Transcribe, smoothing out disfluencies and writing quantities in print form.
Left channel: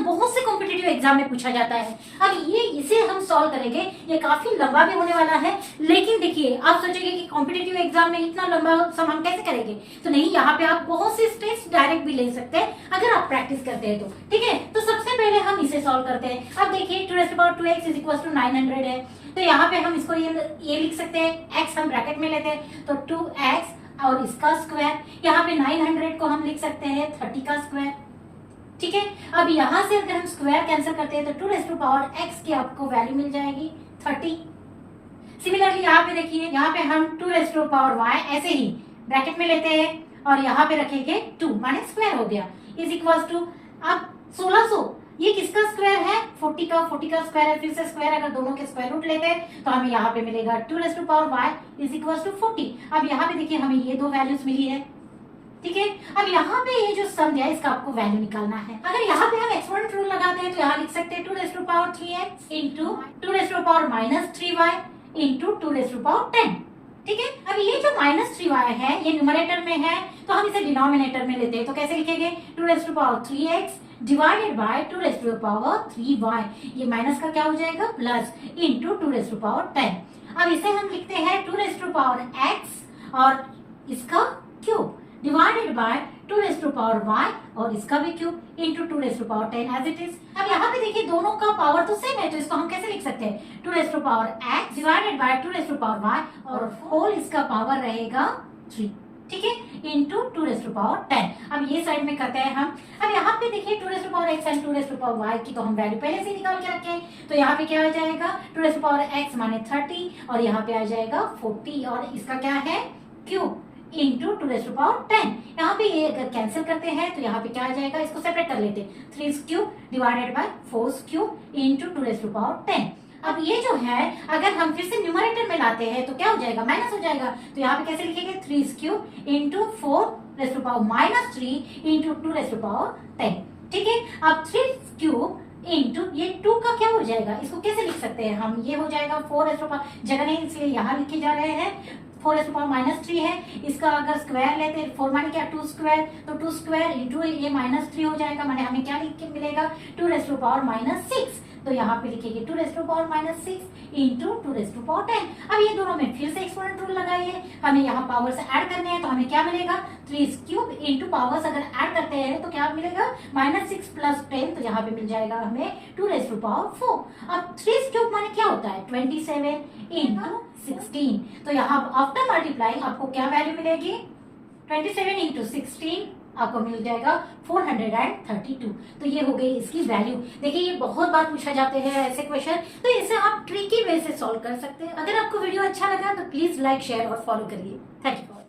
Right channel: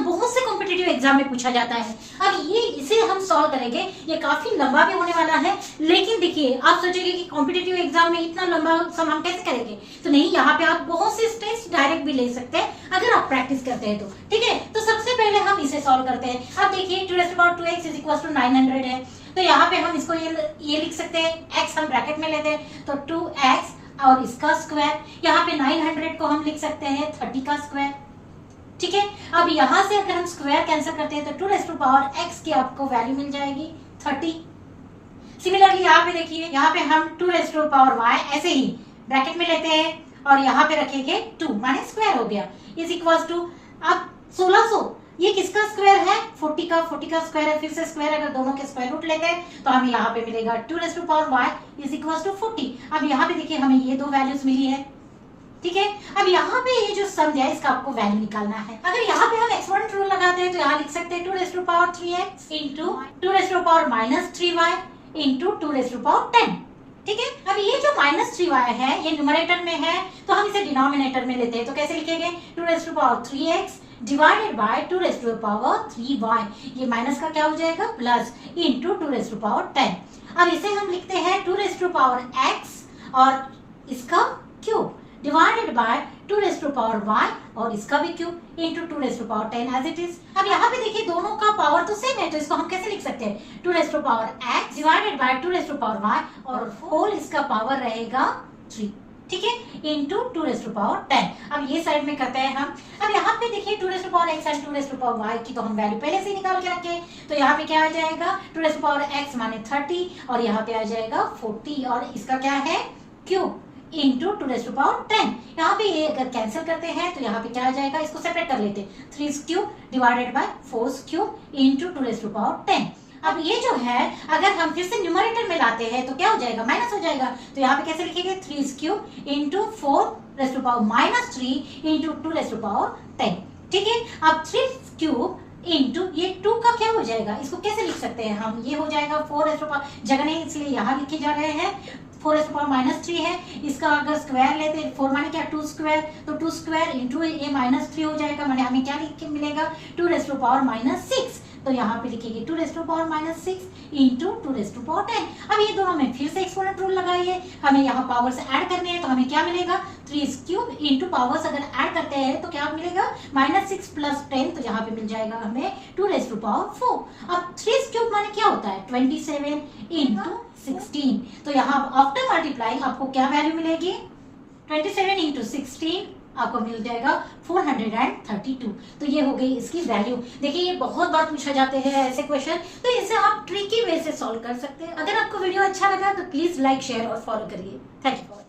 Question बहुत से competitive exam में पूछा जाता है। अब ये इसे हम सॉल्व करेंगे, ये काफी लंबा भी होने वाला है, लेकिन देखिए आप सोचेंगे कि कॉम्पिटिटिव एग्जाम में इतना लंबा सम हम कैसे करेंगे, तो नहीं, यहाँ पे आप बहुत से स्टेप्स डायरेक्ट भी ले सकते हैं अगर आप प्रैक्टिस करते हैं तो। ठीक है, तो सबसे पहले हम इसे सॉल्व करते हैं। अब देखिए 2x इज इक्वल टू 900 है, तो यहाँ पे हम इसको ये लिख सकते हैं, x हम ब्रैकेट में लेते हैं तो 2x और इसका स्क्वायर, यहाँ पे 900 को हम लिख सकते हैं 30 का स्क्वायर। ठीक है, अब यहाँ से अगर हम स्क्वायर कैंसिल करते हैं तो 2x की आपको वैल्यू मिल जाएगी 30। सिमिलरली यहाँ पे देखिए, यहाँ पे हम 2y ऐसे ही ब्रैकेट में लेते हैं और यहाँ पे रखेंगे 2 माने स्क्वायर हो गया, इज इक्वल टू अब 1600, ये किसका स्क्वायर है, 40 का स्क्वायर है, फिर से स्क्वायर अगर दोनों के स्क्वायर रूट लेते हैं तो हमें यहाँ पे मिलेगा 2y इज इक्वल टू 40। अब यहाँ पे देखिए हमें ये दो वैल्यूज मिली है। ठीक है, अब यहाँ पे ये जो सम दिया है इसका आपको वैल्यू निकालना है। अगर यहाँ पे हम एक्सपोनेंट रूल लगाते हैं तो यहाँ लिख सकते हैं 2^3x इंटू 2^-3y इंटू 2^10। ठीक है, अब ये जो -3y है ये न्यूमरेटर में है तो हम इसे डिनोमिनेटर में लेते हैं, तो कैसे लिखेंगे 2^3x डिवाइडेड बाय 2^3y, ये माइनस का क्या हो जाएगा प्लस इंटू 2^10। अब इसे हम लिखते हैं 2^x और इसका क्यूब डिवाइडेड बाय 2^y और इसका भी cube into 2^10 as it is. अब यहाँ पे देखिए दोनों का पावर तो सेम है, तो इसको हम कैसे लिख सकते हैं 2^x डिवाइडेड बाय 2^y और होल इसका पावर रहेगा 3। ठीक है, इंटू 2^10। अब ये साइड में करते हैं हम। अब यहाँ पे देखिए 2^x एंड 2^y की तो हम वैल्यू पहले से निकाल के रखे, तो यहाँ पे क्या आ जाएगा 2^x माने 30 और यहाँ पे आ जाएगा 40 और इसका क्या है क्यूब इंटू 2^10। यहाँ पे ये अगर कैंसिल करते हैं तो यहाँ पे क्या आ जाएगा, इसको सेपरेट कर लेते हैं, 3 cube divided by 4 cube into 2^10। अब ये जो है अगर हम फिर से न्यूमरेटर में लाते हैं तो क्या हो जाएगा, माइनस हो जाएगा, तो यहाँ पे कैसे लिखेंगे 3 क्यूब इंटू 4^-3 इंटू 2^10। ठीक है, अब 3 क्यूब इंटू ये 2 का क्या हो जाएगा, इसको कैसे लिख सकते हैं हम, ये हो जाएगा 4 जगह नहीं इसलिए यहाँ लिखे जा रहे हैं 4^-3 है, इसका अगर स्क्वायर लेते हैं 4 माने क्या 2 स्क्वायर, तो 2 स्क्वायर इंटू ये -3 हो जाएगा, माने हमें क्या लिख के मिलेगा 2^-6, तो यहाँ पे लिखेंगे 2^-6 इंटू 2^10। अब ये दोनों में फिर से एक्सपोनेंट रूल लगाइए, हमें यहाँ पावर्स ऐड करने हैं तो हमें क्या मिलेगा 3 क्यूब इंटू पावर्स अगर ऐड करते हैं तो क्या मिलेगा -6 प्लस 10, तो यहाँ पे मिल जाएगा हमें 2^4। अब 3 क्यूब माने क्या होता है 27 इंटू 16, तो यहाँ आफ्टर मल्टीप्लाइंग आपको क्या वैल्यू मिलेगी 27 इंटू 16 आपको मिल जाएगा 432। तो ये हो गई इसकी वैल्यू। देखिए ये बहुत बार पूछा जाते हैं ऐसे क्वेश्चन, तो इसे आप ट्रिकी वे से सॉल्व कर सकते हैं। अगर आपको वीडियो अच्छा लगा तो प्लीज लाइक शेयर और फॉलो करिए। Thank you.